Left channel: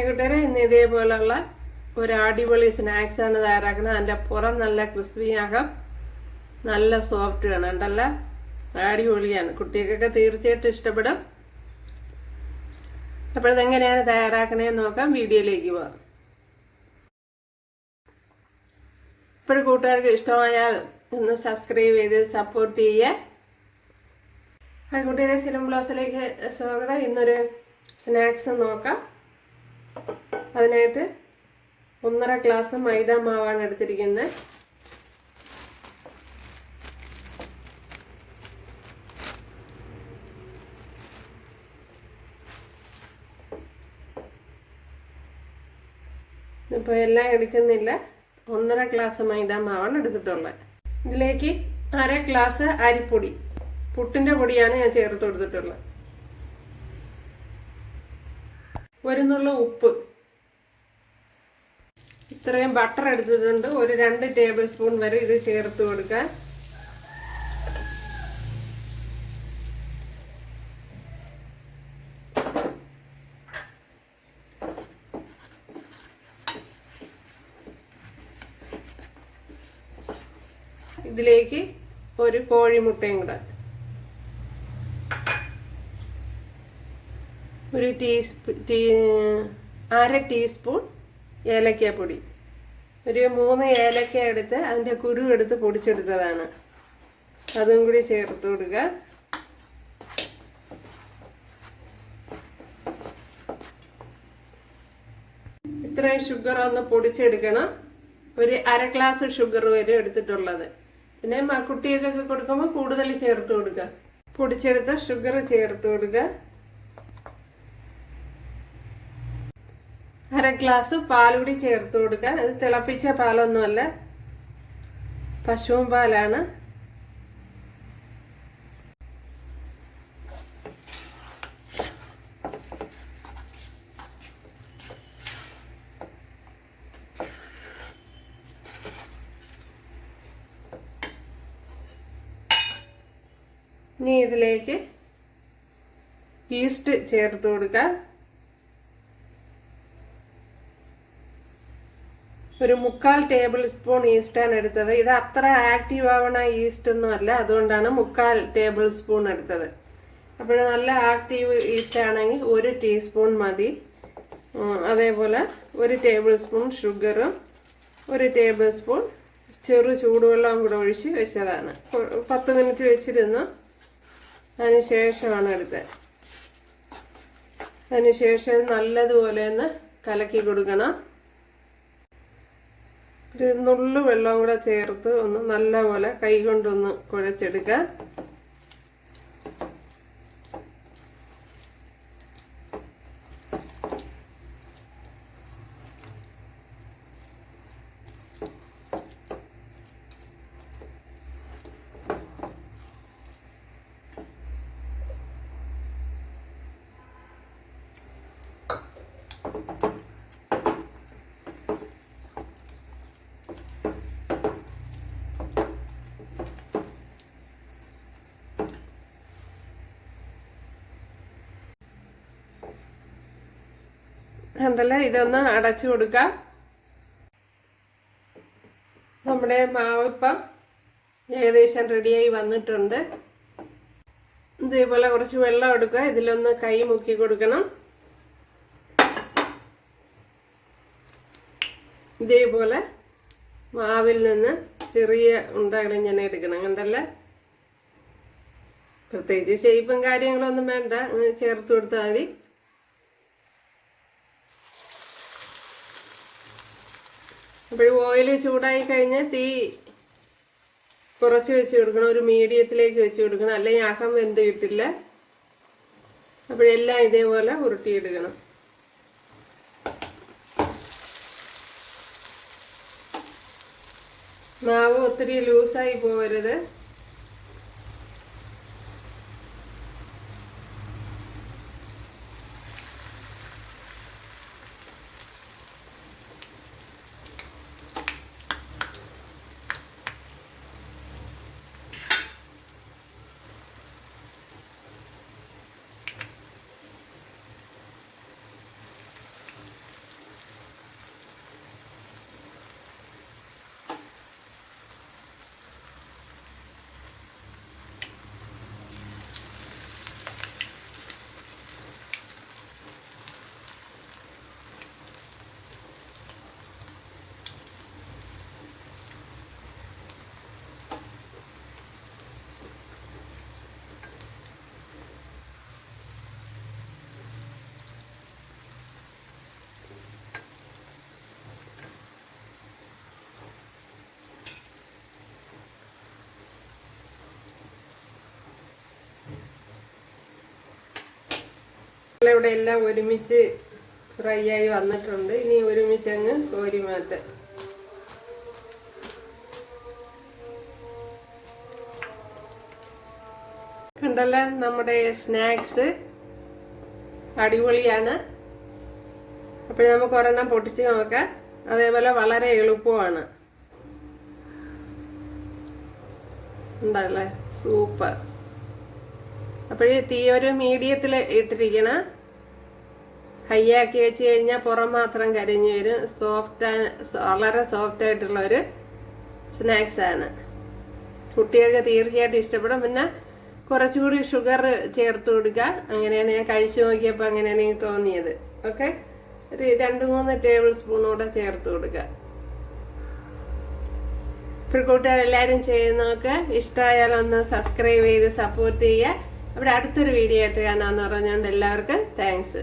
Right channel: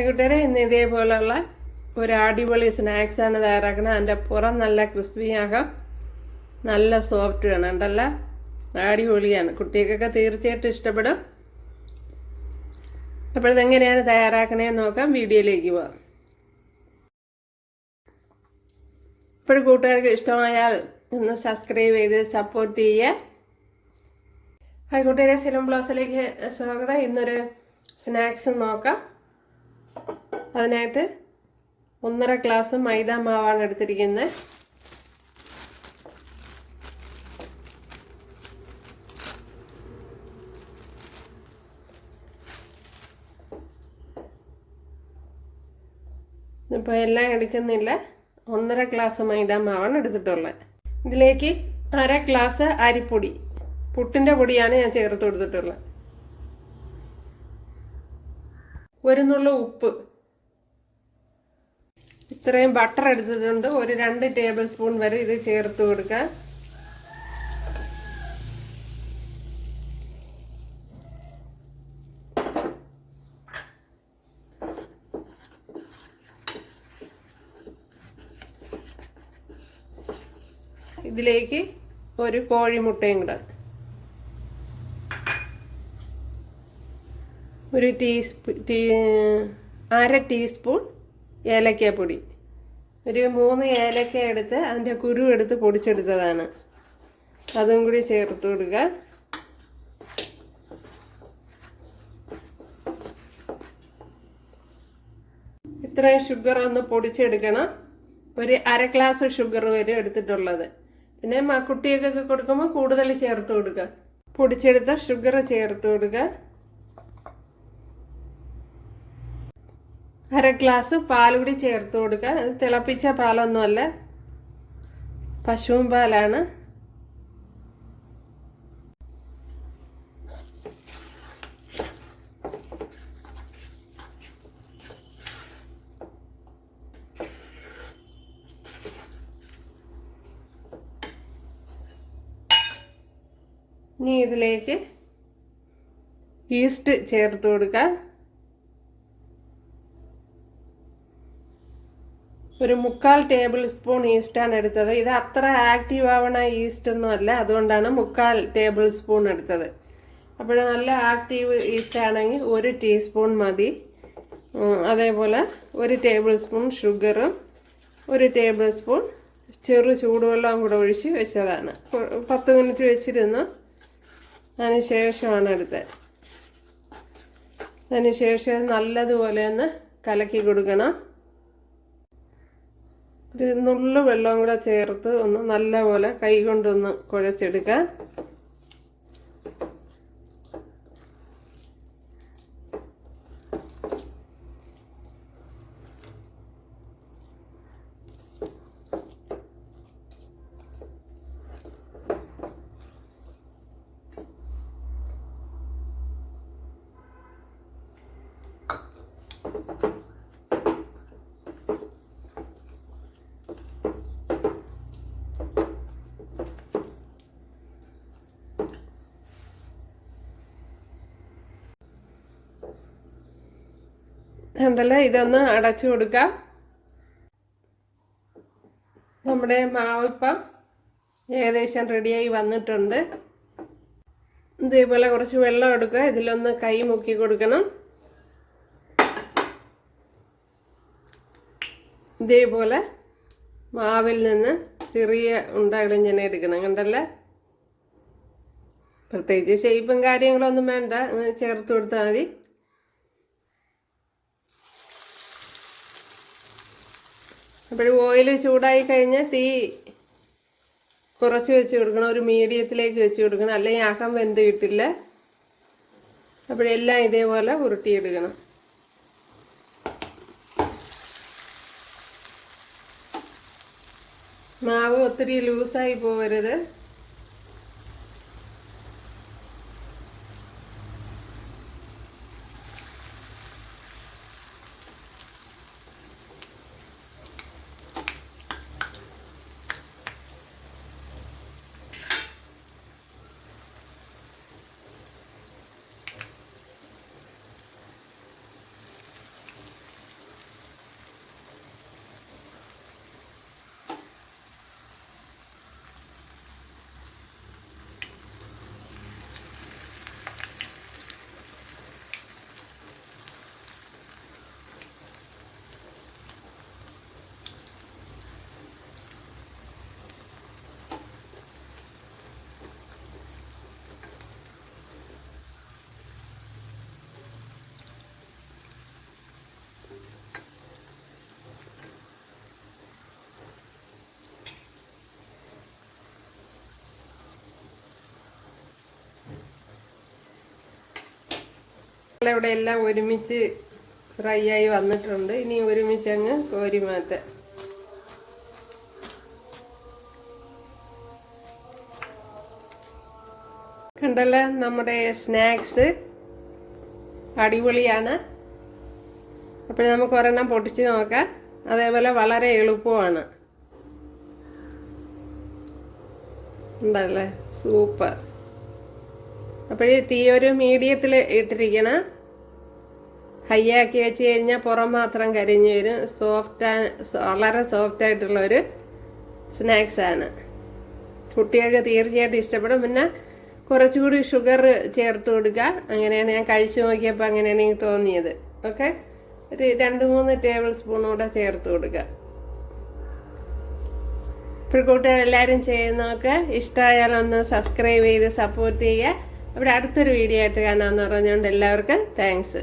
കൂട്ടുകാരെ, ഇന്ന് ഇതേപോലുള്ള ഒരു അടിപൊളി സ്നാക്സാണ് തയ്യാറാക്കുന്നത്. അതിൻ്റെ പുറം നല്ല ക്രിസ്പിയാകാം, നല്ല സോഫ്റ്റ് വേണം. ഉണ്ടല്ല, അടിപൊളിയാണ്. കുട്ടികൾക്കൊക്കെ തീർച്ചയായിട്ടും ഇഷ്ടപ്പെടും. അപ്പോൾ ഇതെങ്ങനെയാണ് തയ്യാറാക്കണേന്ന് നോക്കാം. വീഡിയോയിലേക്ക് പോകാം. ഇപ്പോഴും കൂട്ടുകാർക്ക് ഇഷ്ടമായാൽ ഒന്ന് സബ്സ്ക്രൈബ് ചെയ്ത് സപ്പോർട്ട് ചെയ്യുക. കൂട്ടുകാരെ, സിലം ബ്ലോസിലേക്ക് സ്വാഗതം. ഇന്നൊരു സ്നാക്സ് നോക്കാം. അതിനായിട്ട് 1.5 ഗ്ലാസ് മൈദ മാവാണ് എടുത്തിരിക്കുന്നത്. ഇപ്പോൾ എല്ലാം എടുക്കുന്നില്ല, 1.5 ഗ്ലാസ് മൈദ മാവാണ് എടുത്തിട്ടുള്ളത്. ഇതിലേക്ക് 1/2 ഗ്ലാസ് അരിപ്പൊടി, പുട്ടിൻ്റെ പൊടിയാണ് ഞാൻ ചേർത്ത് കൊടുത്തിട്ടുള്ളത്. ഒരു നുള്ളു ഉപ്പ്, ഇത്രയും ബട്ടർ എടുത്തിട്ടുണ്ട്. ഒരു 2 ടേബിൾ സ്പൂൺ വരെ ഇത് ചേർത്ത് കൊടുക്കുക. ഇതിലേക്ക് ഒരു കോഴിമുട്ടയും കൂടെ, ഒരു 1/2 ടീസ്പൂൺ ഏലക്കപ്പൊടി, ഒരു 3 ഏലക്ക എടുത്ത് അതിൻ്റെ കുരു എടുത്ത് പൊടിച്ചെടുത്തതാണ്, അതും കൂടി ചേർത്ത് കൊടുക്കുക. ഇത്രയും ഷുഗർ ഒന്ന് പൊടിച്ചെടുക്കണം. ഒരു 1/2 ഗ്ലാസ് ഷുഗർ വരെ എടുത്തിട്ടുള്ളത്. പിന്നെ കുട്ടികൾക്കൊക്കെ കൊടുക്കുമ്പോൾ കൂടുതൽ ചേർത്ത് കൊടുക്കുക. പൊടിച്ചെടുത്ത ഷുഗർ ചേർത്ത് കൊടുക്കുക. 1/2 ഗ്ലാസ് പാൽ കൂടി ചേർത്ത് കൊടുക്കുക. അത് തിളപ്പിച്ച പാലൊന്നുമല്ല, പശുവും പാലാണ്. ഇനി ഇതിലേക്ക് ഈസ്റ്റ് ചേർത്ത് കൊടുക്കുക. ഒരു 3/4 ടേബിൾ സ്പൂൺ ഈസ്റ്റാണ് എടുത്തത്. ഇത് അത്ര ആക്റ്റീവ് ആവണ ഈസ്റ്റ് ഒന്നും അല്ല, അതുകൊണ്ടാണ് 3/4 ടേബിൾ സ്പൂൺ എടുത്തത്. അപ്പോൾ നല്ല ആക്റ്റീവ് ഈസ്റ്റ് ആണെങ്കിൽ 1 ടീസ്പൂൺ മതി. അതേപോലെ 1 ടേബിൾ സ്പൂൺ ഷുഗറും 1 ടേബിൾ സ്പൂൺ ചെറു ചൂടുവെള്ളം കൂടെ ഒഴിച്ച് വെച്ചതാണ്. 10 മിനിറ്റ് വെച്ചിരുന്നു. അതിന് ശേഷമാണ് എടുത്തത്. അതിന് ശേഷം നല്ലതുപോലെ ഒന്ന് കലക്കി കൊടുക്കണം. ഒരു നുള്ളു വെള്ളം കൂടെ ചേർത്ത് ഒന്ന് നല്ലപോലെ കൈ കൊണ്ടൊന്ന് കുഴച്ചെടുക്കുക. ഉണ്ടല്ലോ, ഇതൊന്ന് അടച്ചു കൊടുക്കുക. നമ്മുടെ മാവ് ഇപ്പം ഏകദേശം റെഡിയായി വന്നിട്ടുണ്ട്. ഇതേപോലെ കുറച്ച് വെള്ളം എടുക്കുക. ഇതിലൊന്ന് കൈ മുക്കി കൊടുക്കണം. ഇതേപോലെ മാവിൽ നിന്ന് ചെറിയ ഉണ്ടകൾ ഇങ്ങനെ എടുക്കണം. കണ്ടല്ല, പ്രത്യേകിച്ച് ഷേപ്പും കാര്യങ്ങളൊന്നും വേണ്ട, ചേർത്ത് കൊടുത്താൽ മതി. അപ്പോൾ ഓയിൽ ചൂടായി കഴിഞ്ഞാൽ തീ കുറച്ച് വെച്ച് കൊടുക്കണം, ഒരു മീഡിയത്തിലേക്ക് വെച്ച് കൊടുക്കണം, അല്ലെങ്കിൽ അകം വെന്ത് കിട്ടില്ല. അപ്പോഴെല്ലാം ഇതേപോലെ ഉരുട്ടിയെടുക്കണം. മാവ് ഒത്തിരി ലൂസായി പോകരുത്. ഇവിടെ എല്ലാം ഒരുമിച്ച് ഫ്രൈ ആയി വന്നിട്ടുണ്ട്. ഇനി ഒരുമിച്ച് അങ്ങ് കോരി മാറ്റാം. കണ്ടല്ലോ, നമ്മുടെ സ്നാക്സ് അടിപൊളിയാണ്. അപ്പോൾ നമുക്ക് ഒരെണ്ണം പൊട്ടിച്ച് നോക്കാം. അതേപോലെ വളരെ എളുപ്പമാണ്. ഉണ്ടല്ലേ, സൂപ്പർ. അപ്പോഴേ തീ ഒരു മീഡിയത്തിൽ ഇട്ടിരിക്കണം. ഹൈ ആക്കി വെച്ച് കഴിഞ്ഞാൽ പുറം മാത്രം കരിഞ്ഞു വരും. വളരെ സോഫ്റ്റ് ആയിട്ടുള്ള ഒരു സ്നാക്സ് ആണ്. കുട്ടികൾക്ക് തീർച്ചയായിട്ടും ഇഷ്ടപ്പെടും. പിന്നെ കുറച്ചുകൂടി ഷുഗർ ചേർത്ത് കൊടുക്കുക. അങ്ങനെയാണ് ഞാൻ കഴിച്ചു നോക്കിയപ്പോൾ അങ്ങനെയാണ് എനിക്ക് തോന്നിയത്. ഓക്കെ, ഒരു 2-3 ടേബിൾ സ്പൂൺ കൂടെ ചേർത്ത് കൊടുക്കുക. ഇപ്പോൾ കൂട്ടുകാർ എല്ലാവരും ചെയ്യുന്നതൊക്കെ ഇഷ്ടമായാലൊന്ന് സബ്സ്ക്രൈബ് ചെയ്ത് സപ്പോർട്ട് ചെയ്യുക. അവിടെ അടുത്തൊരു വീഡിയോ ആയിട്ട് കാണാമെന്ന് പറഞ്ഞുകൊണ്ട് എല്ലാവർക്കും താങ്ക്സ്.